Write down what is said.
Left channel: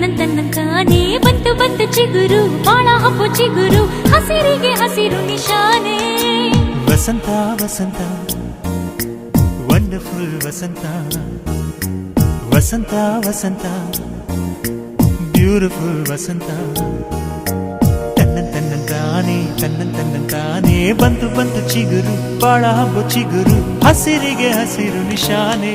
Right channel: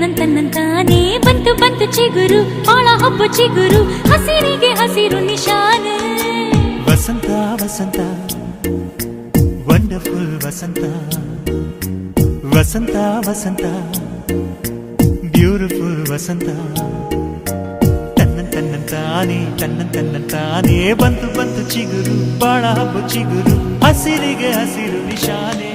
ತನ್ನಂತಾನೇ ಬಂತು ಬಂತು ಚಿಗುರು ಒಳ ಹಬ್ಬ ಚಿಗುರು ಹಸಿರಿಗೆ ಹಸಿರು ನಿಶಾನೆ ವಸಂತ ವಸಂತ ವಂಡರ್ಫುಲ್ ವಸಂತ ವಸಂತ ವಸಂತ ಬ್ಯೂಟಿಫುಲ್ ವಸಂತ ತನ್ನಂತಾನೇ ಬಂತು ಬಂತು ಚಿಗುರು ಬಾಳ ಹಬ್ಬ ಚಿಗುರು ಹಸಿರಿಗೆ ಹಸಿರು ನಿಶಾನೆ